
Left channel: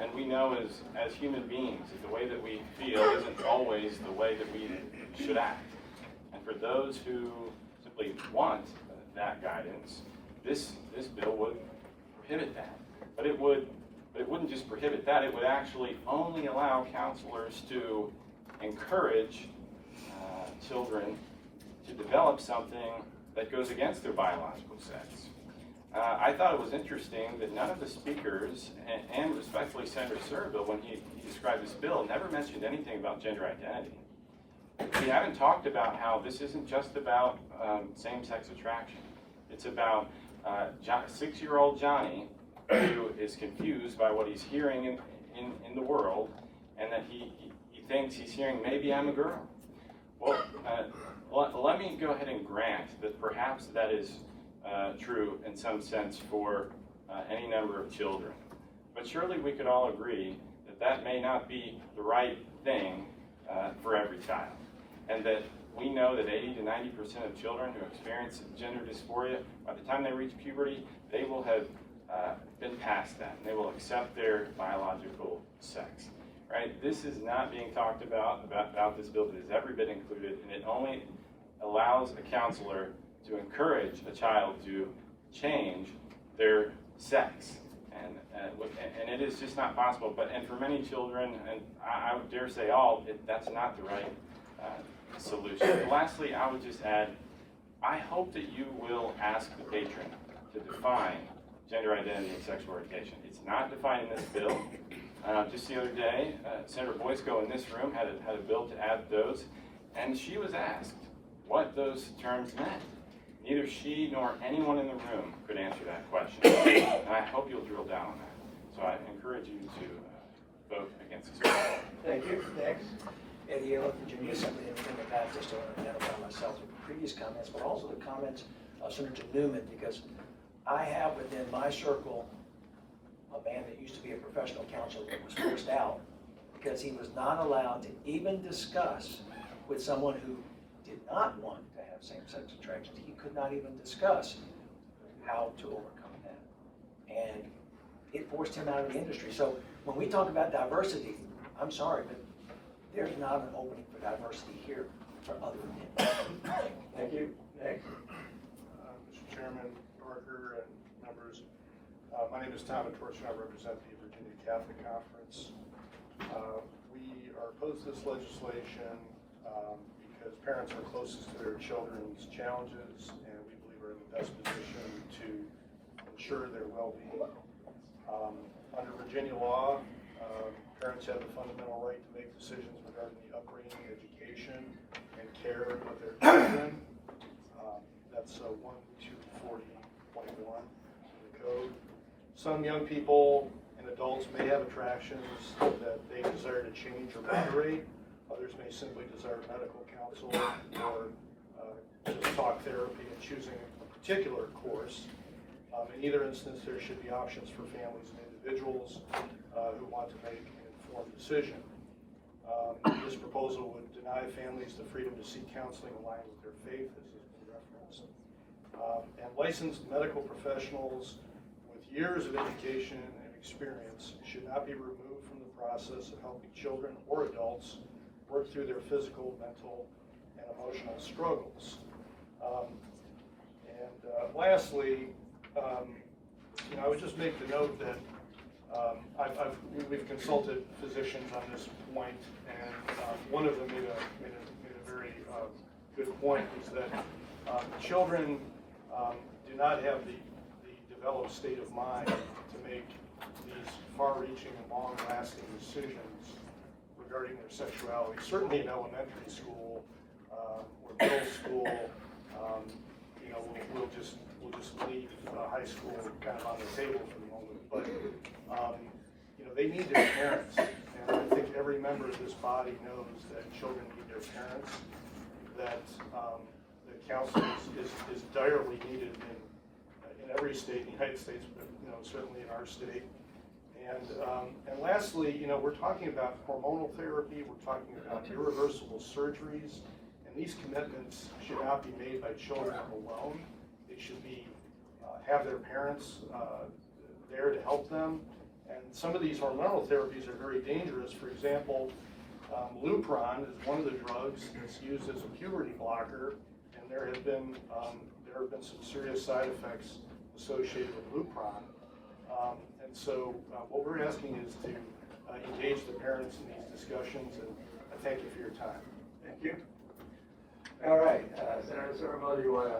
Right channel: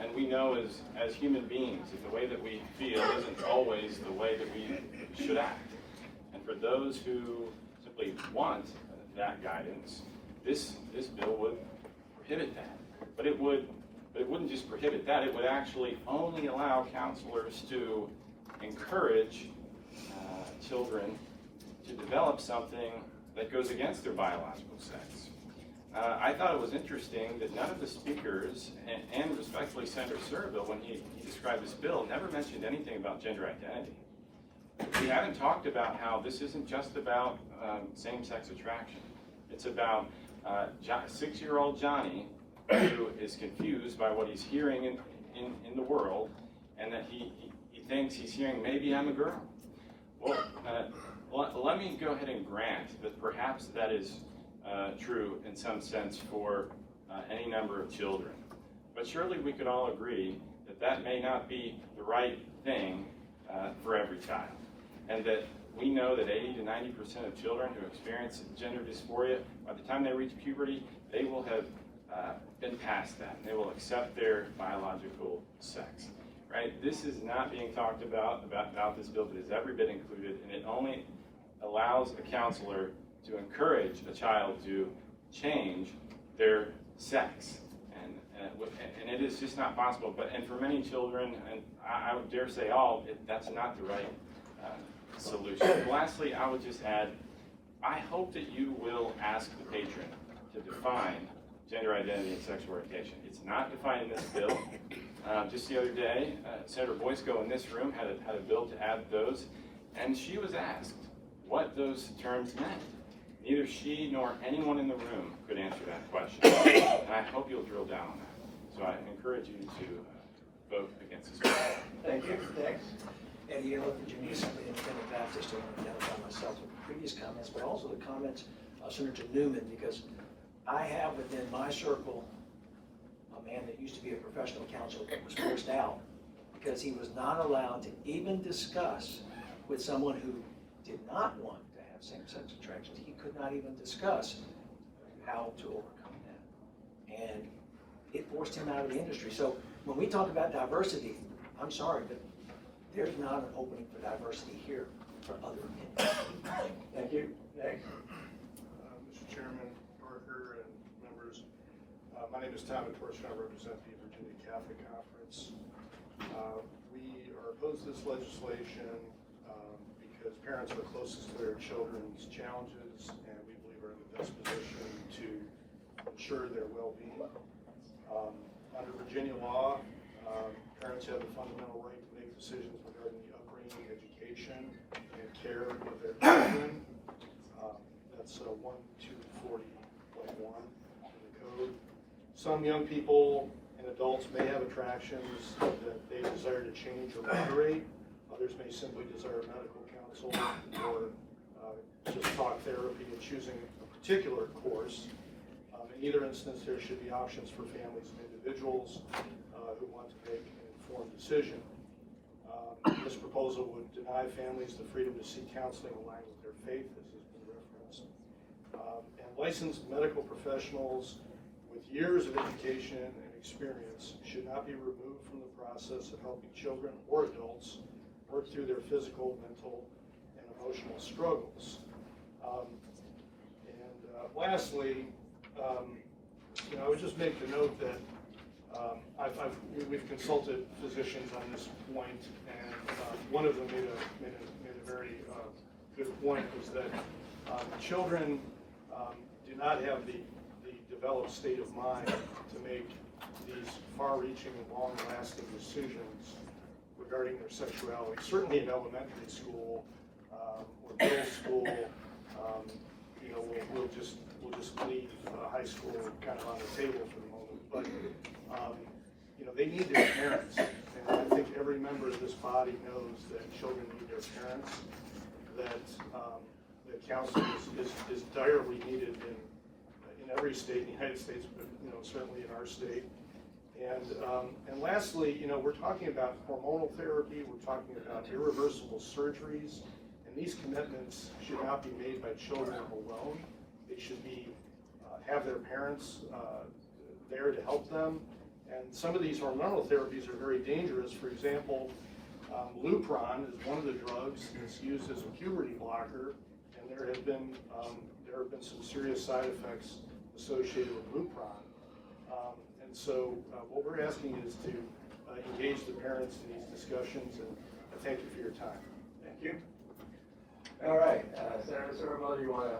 And we know as human beings that the way that we feel isn't always the way that we should act. And for those who simply want that guidance, this bill would prohibit that. But it would But it wouldn't just prohibit that, it would actually only allow counselors to encourage children to develop something that goes against their biological sex. I thought it was interesting that none of the speakers, and respectfully Senator Surovell, when he described this bill, never mentioned anything about gender identity. We haven't talked about how this isn't just about same-sex attraction. It's about 6-year-old Johnny who is confused by what he's hearing in the world, and that he thinks he's hearing, maybe I'm a girl. Well, let me go ahead and grant that perhaps that is true in some sense for any number of children. But surely we could all agree that that may not be the right thing for every child. And that we know that 80 to 90% of children who experience gender dysphoria, by the time they reach puberty, they will have been past that, and they will accept their biological sex. Right? This is not being talked about this bill, but is every bit included, and it only allows a counselor to encourage a child to change their sex. And it is just not possible. And for many children, and I would dare say all, that's not the right solution. And lastly, I would just add, I hope that you will ask the patron to define gender identity and sexual orientation. It's not defined in this bill. Just the other day, Senator Boysko in this room had a bill to add those, and she was asked what those terms meant. Neither she nor anyone in the room could answer that question. And I hope you'll drill down on that. So I encourage you to vote against this bill. Thank you. Next. Eddie Yellow, Virginia, somebody in the past, just to identify myself with the previous comments, but also the comments of Senator Newman, because I have within my circle a man that used to be a professional counselor that was forced out because he was not allowed to even discuss with someone who did not want to have same-sex attractions. He could not even discuss how to overcome that. And it forced him out of the industry. So when we talk about diversity, I'm sorry, but there's not an opening for diversity here for other opinions. Thank you. Next. Mr. Chairman, Parker, and members, my name is Tom Torch, and I represent the Virginia Catholic Conference. We are opposed to this legislation because parents are closest to their children's challenges, and we believe are in the best position to ensure their well-being. Under Virginia law, parents have the fundamental right to make decisions regarding the upbringing, education, and care of their children. That's 1240.1 of the code. Some young people and adults may have attractions that they desire to change or moderate. Others may simply desire medical counsel or just talk therapy and choosing a particular course. In either instance, there should be options for families and individuals who want to make an informed decision. This proposal would deny families the freedom to seek counseling aligned with their faith, as has been referenced. And licensed medical professionals with years of education and experience should not be removed from the process of helping children or adults work through their physical, mental, and emotional struggles. Lastly, I would just make the note that we've consulted physicians on this point, and one of them made a very good point, is that children do not have the developed state of mind to make these far-reaching and long-lasting decisions regarding their sexuality. Certainly in elementary school or middle school, we'll just leave high school kind of on the table for the moment. But they need their parents, and I think every member of this body knows that children need their parents. That counseling is direly needed in every state in the United States, but certainly in our state. And lastly, we're talking about hormonal therapy. We're talking about irreversible surgeries. And these commitments should not be made by children alone. They should be have their parents there to help them. And some of these hormonal therapies are very dangerous. For example, Lupron is one of the drugs that's used as a puberty blocker, and there have been some serious side effects associated with Lupron. And And so what we're asking is to engage the parents in these discussions, and thank you for your time. Thank you. All right, Senator Surovell, do you want to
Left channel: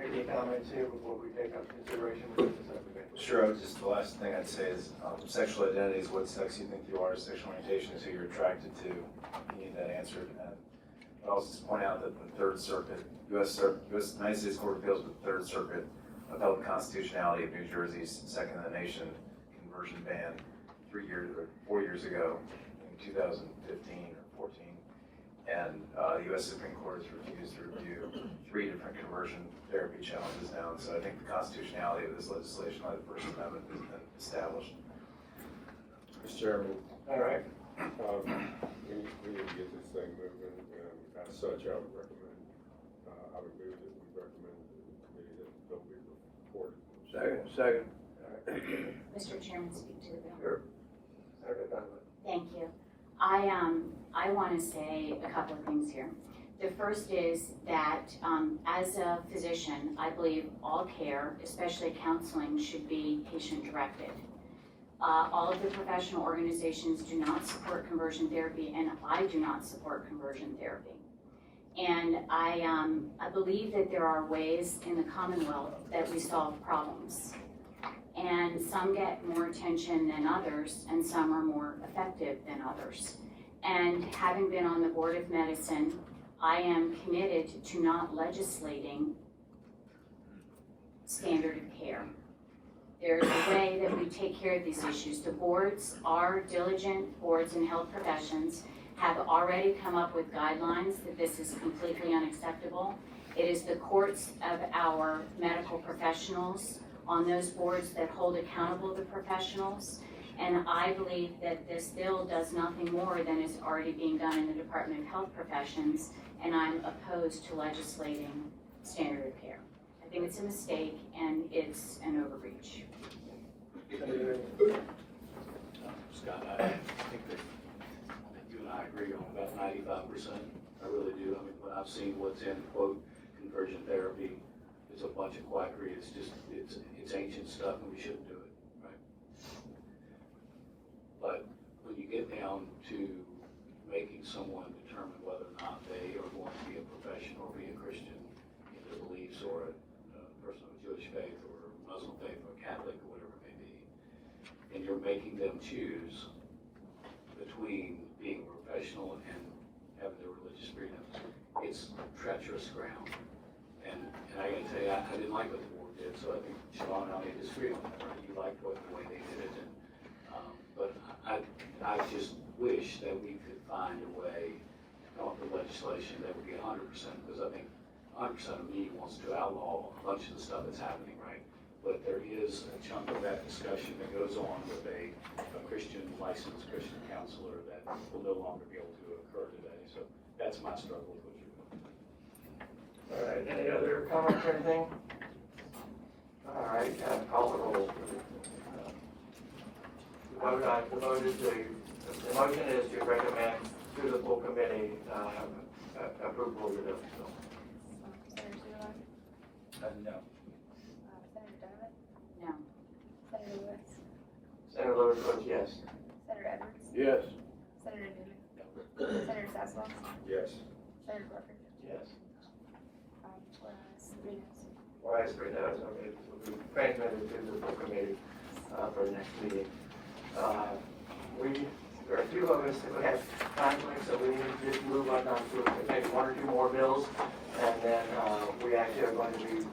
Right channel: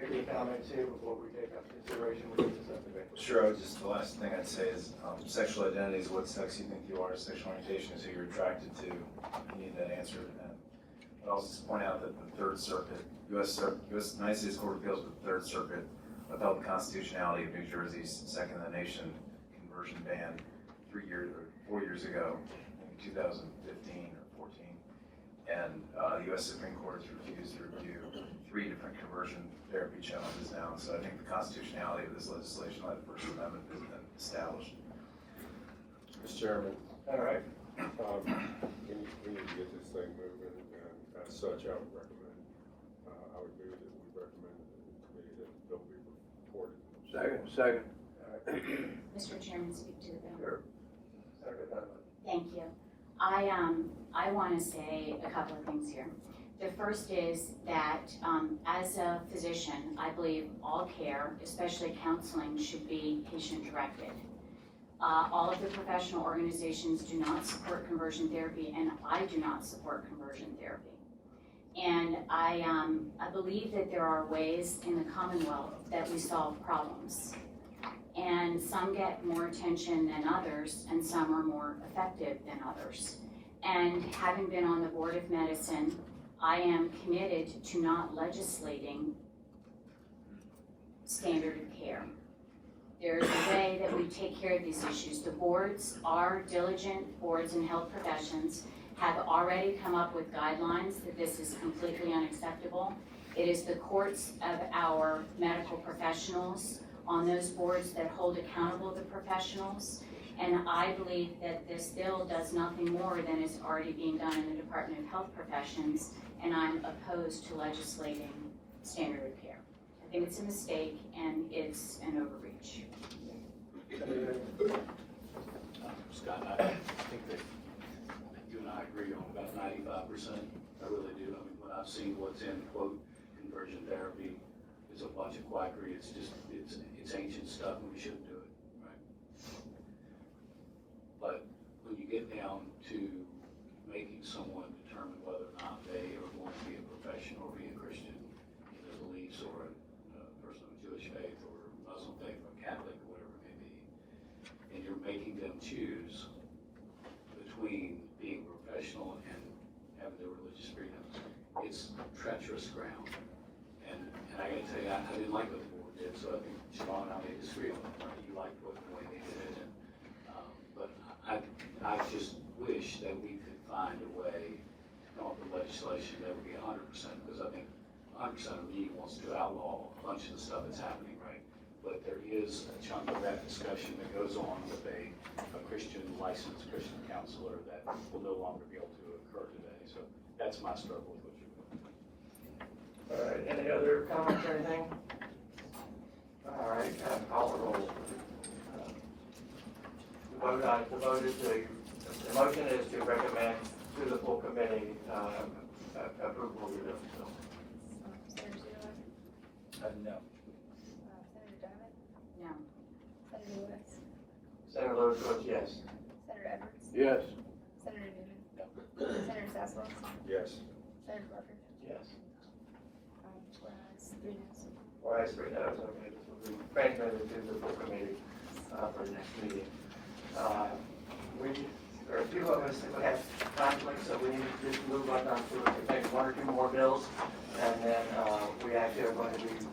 make any comments here before we take up consideration of this subcommittee? Sure, just the last thing I'd say is sexual identity is what sex you think you are, sexual orientation is who you're attracted to. You need that answered. I'd also just point out that the Third Circuit, United States Court of Appeals with the Third Circuit upheld the constitutionality of New Jersey's second in the nation conversion ban 4 years ago, in 2015 or 14. And the U.S. Supreme Court has refused to review 3 different conversion therapy challenges now. And so I think the constitutionality of this legislation under the First Amendment has been established. Mr. Chairman. All right. We need to get this thing moving, and as such, I would recommend, I would move that we recommend to the committee that the bill be reported. Second. All right. Mr. Chairman, speak to the bill. Sure. Senator Donovan. Thank you. I want to say a couple of things here. The first is that as a physician, I believe all care, especially counseling, should be patient-directed. All of the professional organizations do not support conversion therapy, and I do not support conversion therapy. And I believe that there are ways in the Commonwealth that we solve problems. And some get more attention than others, and some are more effective than others. And having been on the Board of Medicine, I am committed to not legislating standard of care. There's a way that we take care of these issues. The boards are diligent boards in health professions, have already come up with guidelines that this is completely unacceptable. It is the courts of our medical professionals on those boards that hold accountable the professionals. And I believe that this bill does nothing more than is already being done in the Department of Health Professions, and I'm opposed to legislating standard of care. I think it's a mistake and it's an overreach. Scott, I think that you and I agree on about 95%. I really do. I mean, when I've seen what's in, quote, conversion therapy, is a bunch of quackery. It's just, it's ancient stuff and we shouldn't do it, right? But when you get down to making someone determine whether or not they are going to be a professional or be a Christian in their beliefs, or a person of Jewish faith or Muslim faith or Catholic, or whatever it may be, and you're making them choose between being a professional and having their religious freedom, it's treacherous ground. And I gotta tell you, I didn't like what the board did, so I think Siobhan and I made this feel. You liked the way they did it, but I just wish that we could find a way to come up with legislation that would be 100%, because I think 100% of me wants to outlaw a bunch of the stuff that's happening, right? But there is a chunk of that discussion that goes on with a Christian, licensed Christian counselor that will no longer be able to occur today. So that's my struggle with what you're doing. All right, any other comments or anything? All right, call the roll. The motion is to recommend to the full committee approval of the bill. Senator Surovell? No. Senator Donovan? No. Senator Lewis? Senator Lewis votes yes. Senator Edwards? Yes. Senator Newman? Senator Sasslaw? Yes. Senator Barker? Yes. Whereas 3 noes. Wise 3 noes, okay, this will be transmitted to the full committee for the next meeting. There are a few of us that have conflicts, so we need to move on to maybe 1 or 2 more bills, and then we actually are going to be